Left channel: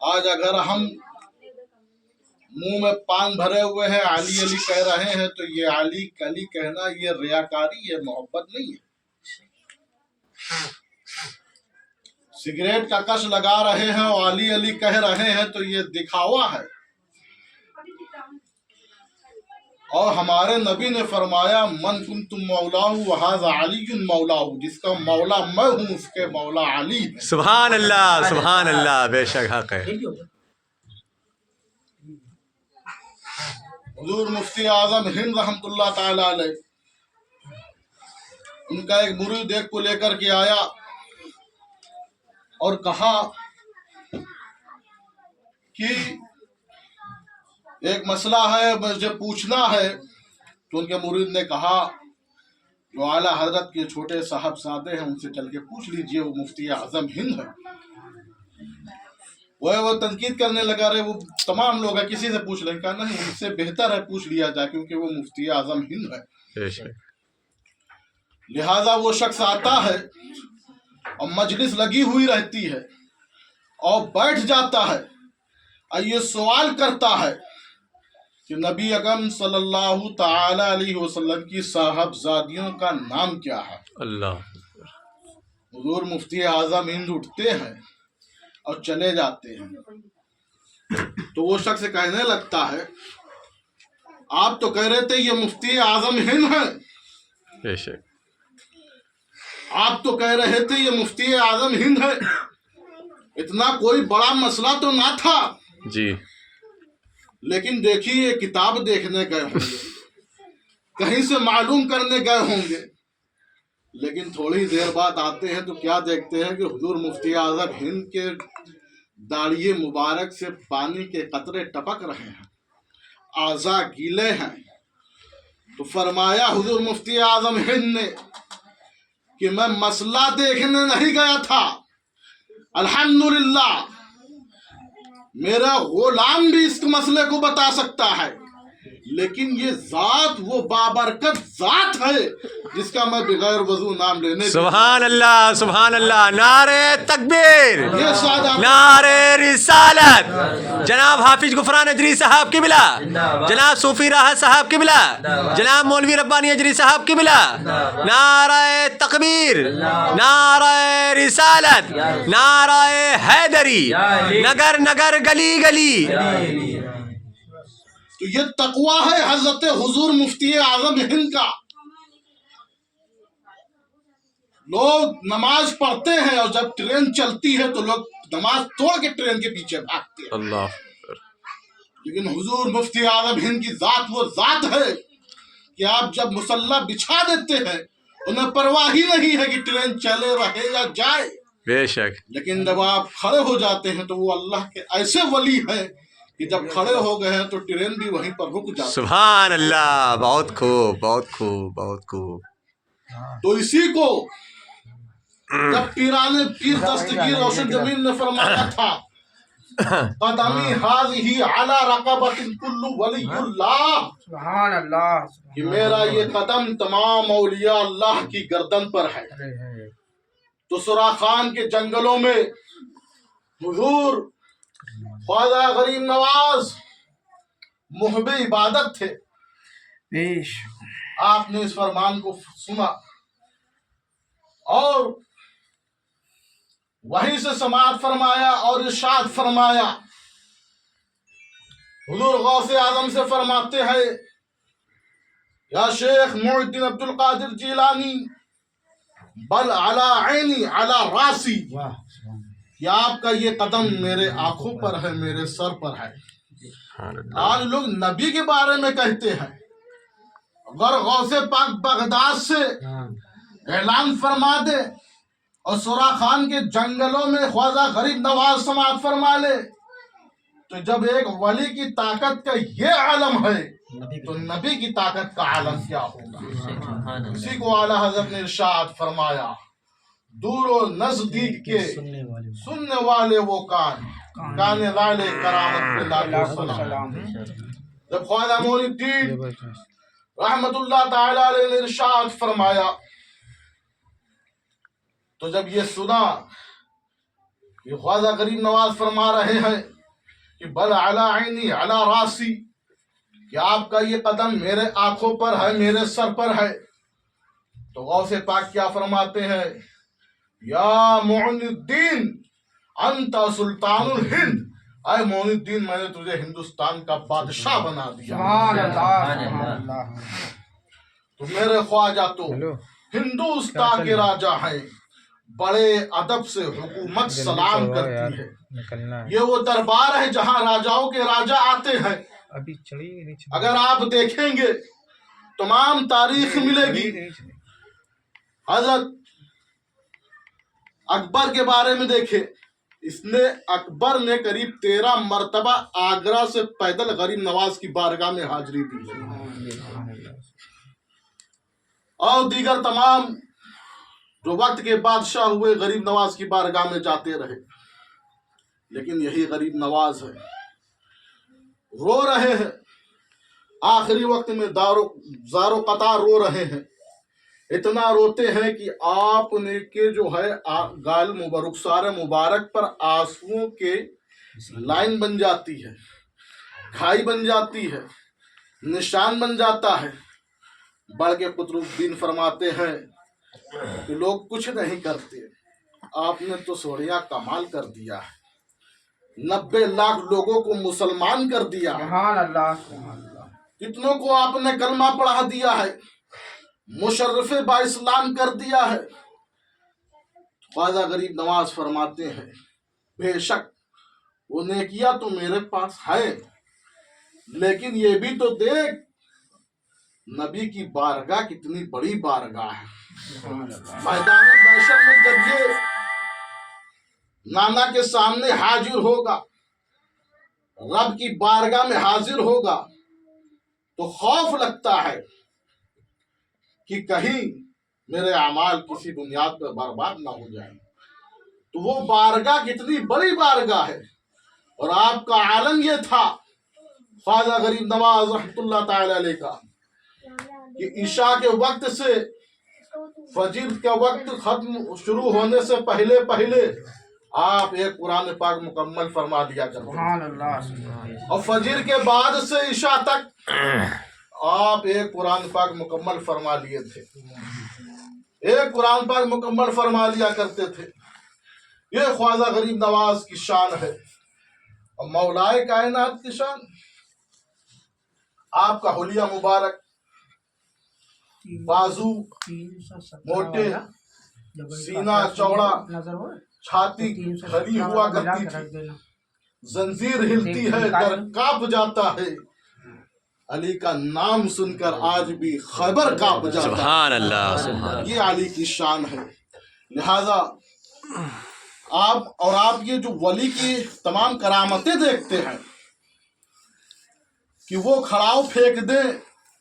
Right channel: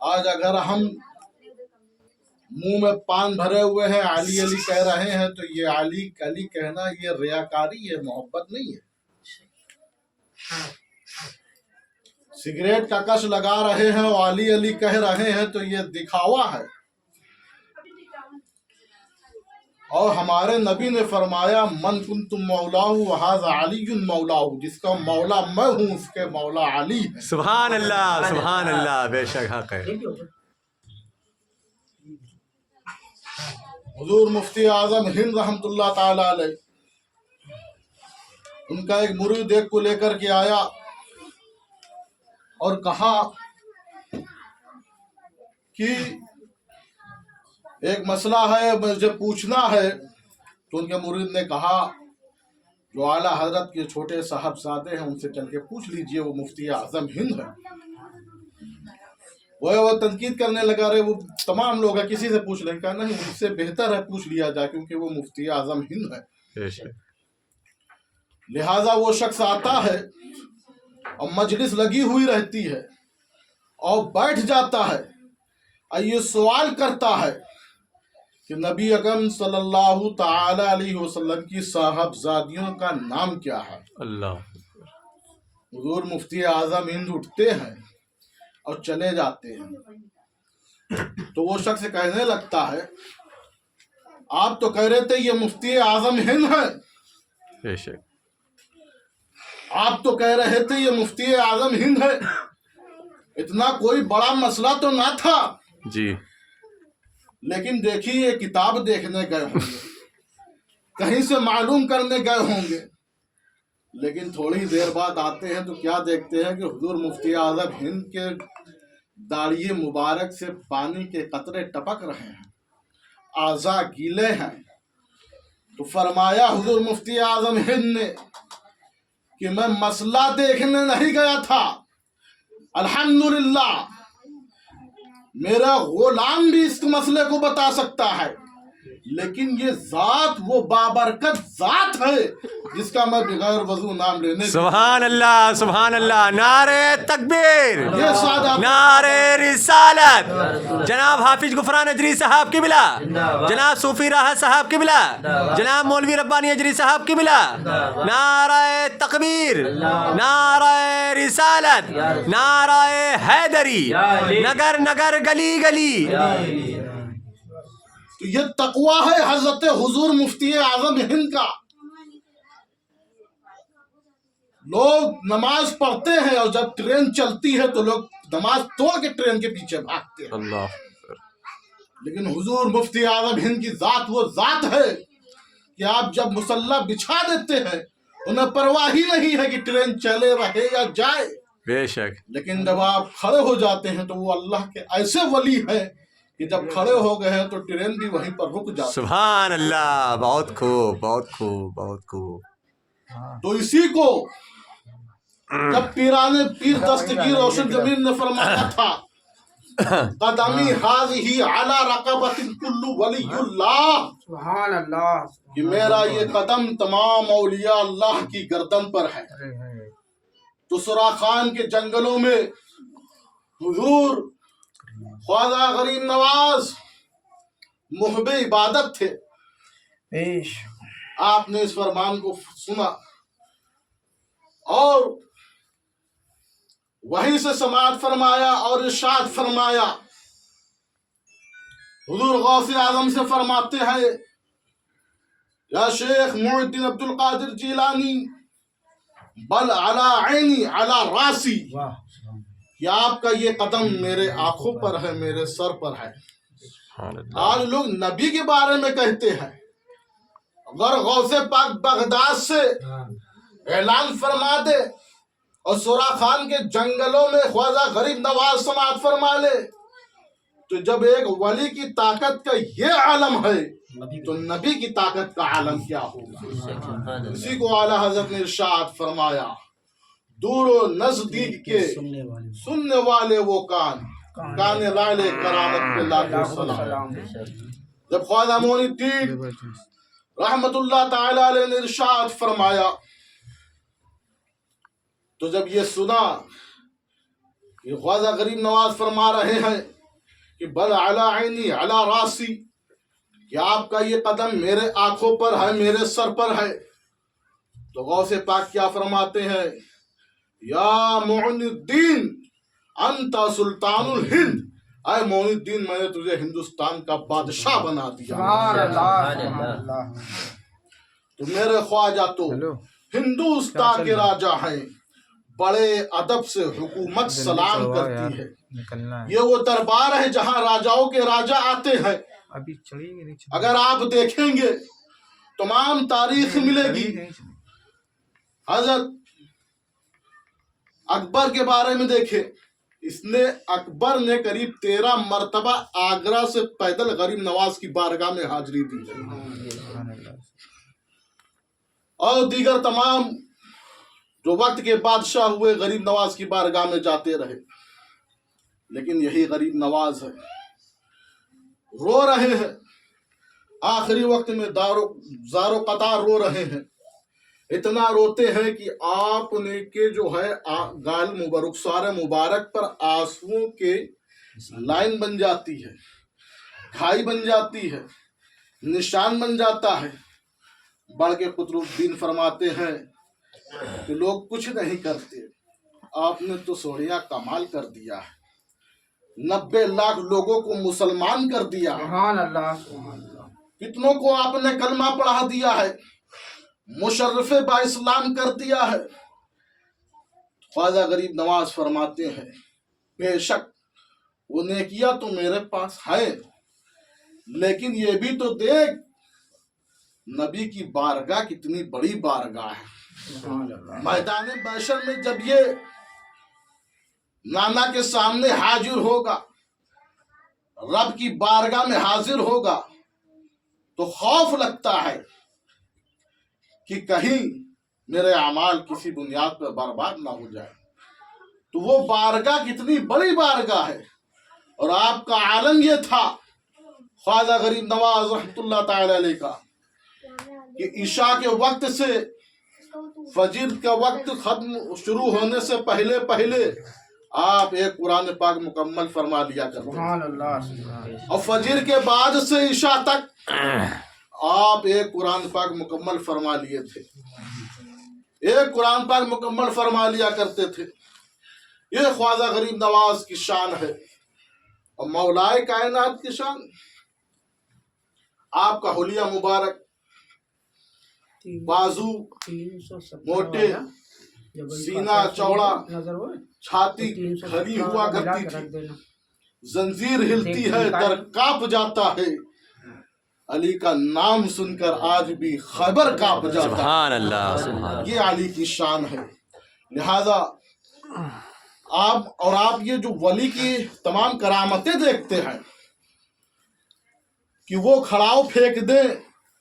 آج اگر ہم منہ میں پان بھرے ہوئے ہیں علی علی کہہ رہے ہیں تو یہ علی علی کہنا یہ ریاکاری ہے، محبت نہیں ہے۔ سگریٹ کا کش لگا رہے ہیں اور علی علی کہہ رہے ہیں تو یہ دکھاوا ہے۔ اور ہمارے نبی نے فرمایا من کنتم مولاہ وہذا علی مولاہ، جس کا مولا میں ہوں اس کے مولا علی ہے۔ سبحان اللہ سبحان اللہ، بے شک حق ہے۔ حضور مفتی اعظم ہند رحمۃ اللہ تعالی علیہ، ان کا ایک مرید ایک کو لے کر کے آیا اور کہا کہ ایک مسئلہ ہے مجھے پوچھنا ہے۔ تو ان کے مرید نے کہا جو اعلیٰ حضرت کے چھوٹے صاحبزادے ہیں ان سے چل کے پوچھ لیجئے، وہ مفتی اعظم ہند ہے۔ وہ تنقید کرنے لگا، رہے وہ تمام لوگ ہیں کسی سے پوچھ لیں، کہا نہیں ان سے بہتر ہے پوچھ لیا جائے کیونکہ وہ مفتی اعظم ہند ہے۔ لہٰذا وہ شخص آتا ہے اور مجلس لگی ہوئی رہتی ہے اور بیٹھ جاتا ہے اور یہ سوال کرتا ہے کہ نبی اکرم صلی اللہ تعالی علیہ وسلم کی صاحبزادیوں کا نام کیا ہے؟ اللہ۔ حضور مفتی اعظم ہند اٹھتے ہیں اور چلے جاتے ہیں۔ تو وہ شخص کہنے لگتا ہے آپ تو کہہ رہے تھے یہ مفتی اعظم ہند ہے، بے شک آپ تو کہہ رہے تھے یہ مفتی اعظم ہند ہے، اتنا کوئی بڑا مسئلہ تو نہ تھا جی، لیکن دیکھیے یہ کتاب دیکھنے گئے ہوں گے، کہیں سے معلوم کرنے گئے ہوں گے، لیکن تھوڑی دیر بعد آتے ہیں تو کیا دیکھتے ہیں کہ حضور مفتی اعظم ہند کے داڑھی مبارک سے پانی کے قطرے ٹپک رہے ہیں، اعضاء گیلے ہیں۔ تو فرمایا حضور مفتی اعظم ہند نے کہ میں مسئلہ دیکھنے نہیں گیا تھا، الحمدللہ میرا غلام بھی اس مسئلے کو بتا سکتا ہے، لیکن یہ ذات وہ بابرکت ذات ہے جس کا میں بغیر وضو نام لینے سبحان اللہ سبحان اللہ، نعرہ تکبیر، نعرہ رسالت، جناب حافظ غفران اجری صاحب کی بلا، جناب صوفی راحت صاحب کی بلا، جناب مولوی ربانی اجری صاحب کی بلا، نعرہ تکبیر، نعرہ رسالت، نعرہ حیدری، نگر نگر گلی گلی۔ تو یہ تقویٰ ہے حضرت حضور مفتی اعظم ہند کا۔ لوگ نماز پڑھتے ہیں اور جب ٹرین چلتی ہے تو لوگ نماز توڑ کے ٹرین کے پیچھے بھاگتے ہیں، اللہ، لیکن حضور مفتی اعظم ہند کی ذات وہ ذات ہے کہ آپ جب مصلی بچھا دیتے ہیں انہیں پرواہ ہی نہیں ہے کہ ٹرین چلے رہے یا جائے، بے شک، لیکن جب آپ کھڑے ہو جاتے ہیں تو وہ اللہ کے ایسے ولی ہیں کہ جب کھڑے ہو گئے ہیں تو ٹرین بھی وہیں پر رک جاتی ہے۔ سبحان اللہ، بہت خوب بہت خوب بہت خوب۔ تو اسی کو جب پیر دستگیر روشن زمین نے فرمایا تھا قدمی ہاذہی علی رقبۃ کل ولی اللہ، سبحان اللہ، کہ میرا یہ قدم تمام اولیاء اللہ کی گردن پر ہے۔ تو سراخان کے جنگلوں میں حضور خواجہ غریب نواز محب عبادت تھے، آپ نے اس فرمان کو سنا اور وہیں سے سماعت فرمایا اور ارشاد فرمایا۔ حضور غوث اعظم سے فرماتے ہیں یا شیخ معین الدین عبد القادر جیلانی بل علی عینی علی راسی، کہ آپ کا یہ قدم میرے آنکھوں پر ہے، میرے سر پر ہے۔ آج لوگ نبی کے بارے میں کہتے ہیں، اگر غوث پاک بغداد سے اعلان فرما دے اور سراخان کے جنگلوں میں خواجہ غریب نواز سماعت فرما لے تو جب ایک ولی کی طاقت کا یہ عالم ہے تو نبی کی طاقت کا عالم کیا ہوگا۔ اسی کو اعلیٰ حضرت نے ارشاد فرمایا دور و نزدیک کے سننے والے وہ کان لالے کرامت پہ لاکھوں سلام۔ جب خواجہ معین الدین رحمت اللہ تعالی علیہ نے ارشاد فرمایا تو جب یہ سنا یہ خواجہ غریب نواز فرما رہے ہیں کہ بل علی عینی علی راسی، کہ آپ کا یہ قدم میرے آنکھوں پر ہے، میرے سر پر ہے۔ تو غوث پاک کیا فرماتے ہیں؟ یا معین الدین انت سلطان الہند، اے معین الدین میں نے تجھے ہندوستان کا بادشاہ بنا دیا۔ تو میرے خواجہ تو ہندوستان کے راجا ہیں، بڑے ادب سے حکومت سلام کرتی ہے۔ یہ وہ دربار ہے جہاں راجاؤں کے راجا آتے ہیں۔ اگر آپ دیکھیں گے تمام تاریخ ملے گی۔ حضرت اکبر کے بارے میں دیکھیں، اکبر نے قریب 13 مرتبہ آگرہ سے پیدل غریب نواز کی بارگاہ میں حاضری دی اور دیگر تمام جو وقت کے بادشاہ ہوئے غریب نواز کی بارگاہ میں جاتے رہے۔ لیکن یہی غریب نواز ہے، رو رہے ہیں آخری وقت میں، زار و قطار رو رہے ہیں۔ اتنا روتے ہیں کہ آپ نے کہ جو ہے گال رخسار مبارک پر آنسوؤں کے لائن بن جاتی ہے، کھائی بن جاتی ہے، نشان بن جاتا ہے۔ بڑھ کے قطب الدین فرماتے ہیں کہ لوگ کچھ نہیں کرتے، آپ نے تو سوڑیاں کمال کر دیا ہے، 90 لاکھ لوگوں کو مسلمان کر دیا، کتنوں کو آپ نے کلمہ پڑھا دیا ہے، مشرف با اسلام کر دیا ہے۔ خواجہ غریب نواز فرماتے ہیں بے شک وہ نیکیاں تو میرے پاس ہے، لیکن یہ بھی تو دیکھ نبی کی بارگاہ کتنی بڑی بارگاہ ہے۔ میدان محشر میں جب یہ نانا کے سامنے حاضر ہوگا، رب کی بارگاہ میں حاضر ہوگا، تو خوف لگتا ہے کہ کہیں میرے اعمال کسی بنیاد پر برباد نہ ہو جائیں۔ تو وہ بارگاہ کتنی بڑی بارگاہ ہے۔ اور آپ کا عالم یہ تھا خواجہ غریب نواز رحمۃ اللہ تعالی علیہ کا کہ عشاء کے وقت سے فجر کا وقت ختم شروع ہونے سے پہلے آپ ایک قرآن پاک مکمل فرما لیا کرتے ہیں، اور فجر کے بعد سے عشاء تک آپ ایک قرآن پاک مکمل فرما لیے تھے، ایک قرآن پاک مکمل فرما لیا کرتے تھے۔ یہ خواجہ غریب نواز کی شان ہے اور مولائے کائنات کی شان۔ آپ کا حلیہ مبارک، بازو موٹے، سینہ چوڑا، چھاتی کھلی ہوا کرتی تھی، زنجیر ہلتی ہے در کانپ جاتا ہے، علی کا نام سن کر آج بھی خیبر کانپ جاتا ہے۔ سبحان اللہ، سبحان اللہ۔ یہ علی کی شان ہے۔ لہذا آپ یہ جو ولی کی تمام کرامتیں دیکھتے ہیں کہ وہ کھڑاؤ پھینک دے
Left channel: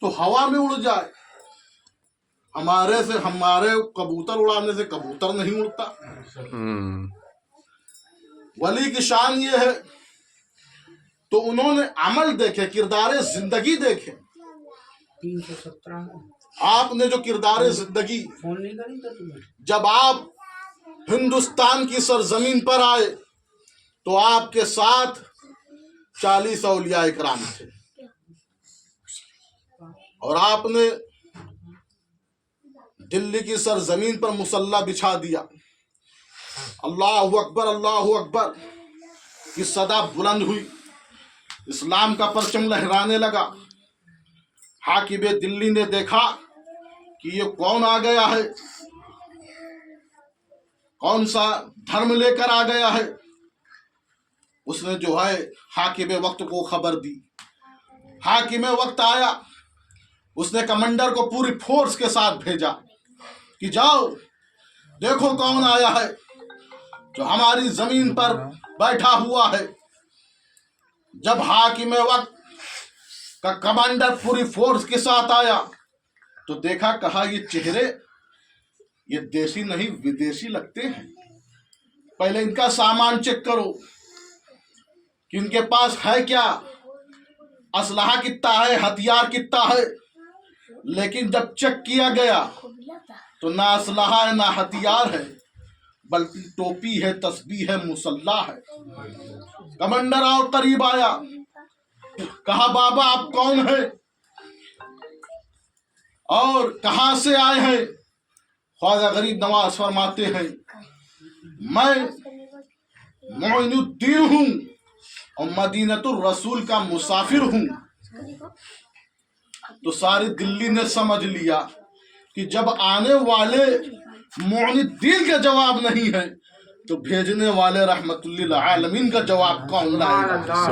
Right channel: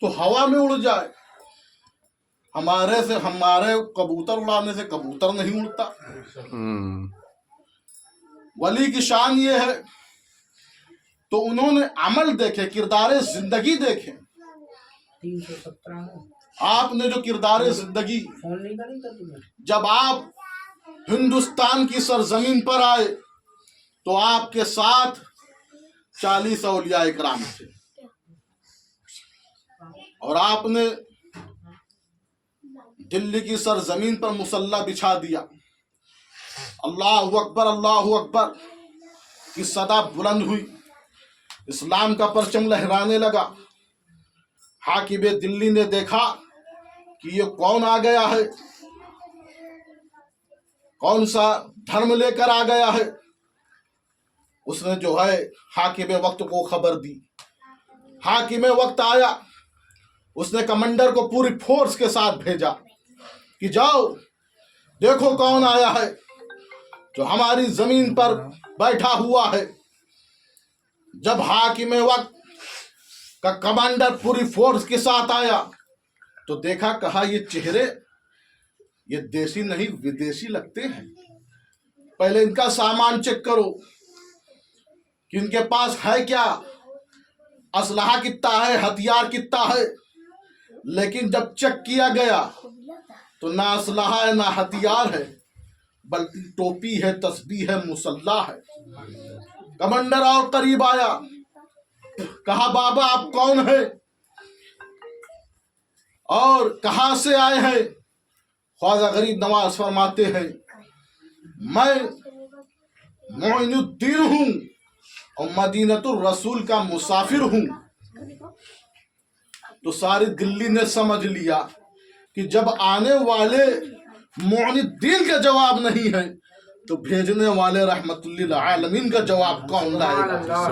تو ہوا میں اڑ جائے، ہمارے کبوتر اڑانے سے کبوتر نہیں اڑتا۔ ولی کی شان یہ ہے۔ تو انہوں نے عمل دیکھے، کردار زندگی دیکھے۔ 317 آپ نے جو کردار زندگی، جب آپ ہندوستان کی سرزمین پر آئے تو آپ کے ساتھ 40 اولیاء اکرام تھے، اور آپ نے دلی کی سرزمین پر مصلی بچھا دیا۔ اللہ اکبر کی صدا بلند ہوئی، اسلام کا پرچم لہرانے لگا۔ حاکم دلی نے دیکھا کہ یہ کون آ گیا ہے، کون سا دھرم لے کر آ گیا ہے۔ اس نے جو ہے حاکم وقت کو خبر دی۔ حاکم وقت آیا، اس نے کمانڈر کو پوری فورس کے ساتھ بھیجا کہ جاؤ دیکھو کون آیا ہے جو ہماری زمین پر بیٹھا ہوا ہے۔ جب حاکم وقت کا کمانڈر پوری فورس کے ساتھ آیا تو دیکھا، کہا یہ چہرے یہ دیسی نہیں ودیشی لگتے ہیں، پہلے ان کا سامان چیک کرو کہ ان کے پاس ہے کیا، اسلحہ کتنا ہے، ہتھیار کتنا ہے۔ لیکن جب چیک کیا گیا تو نہ اسلحہ ہے نہ ہتھیار ہے، بلکہ ٹوپی ہے، تسبیح ہے، مسلح ہے۔ کمانڈر اور قریب آیا، کہا بابا آپ کون ہیں اور کہاں سے آئے ہیں؟ خواجہ غریب نواز فرماتے ہیں میں معین الدین ہوں اور مدینۃ الرسول کا مسافر ہوں۔ تو ساری دلی نے سمجھ لیا کہ جب آنے والے معین الدین کا جواب نہیں ہے تو بھیجنے والے رحمت للعالمین کا جواب کون لائے گا؟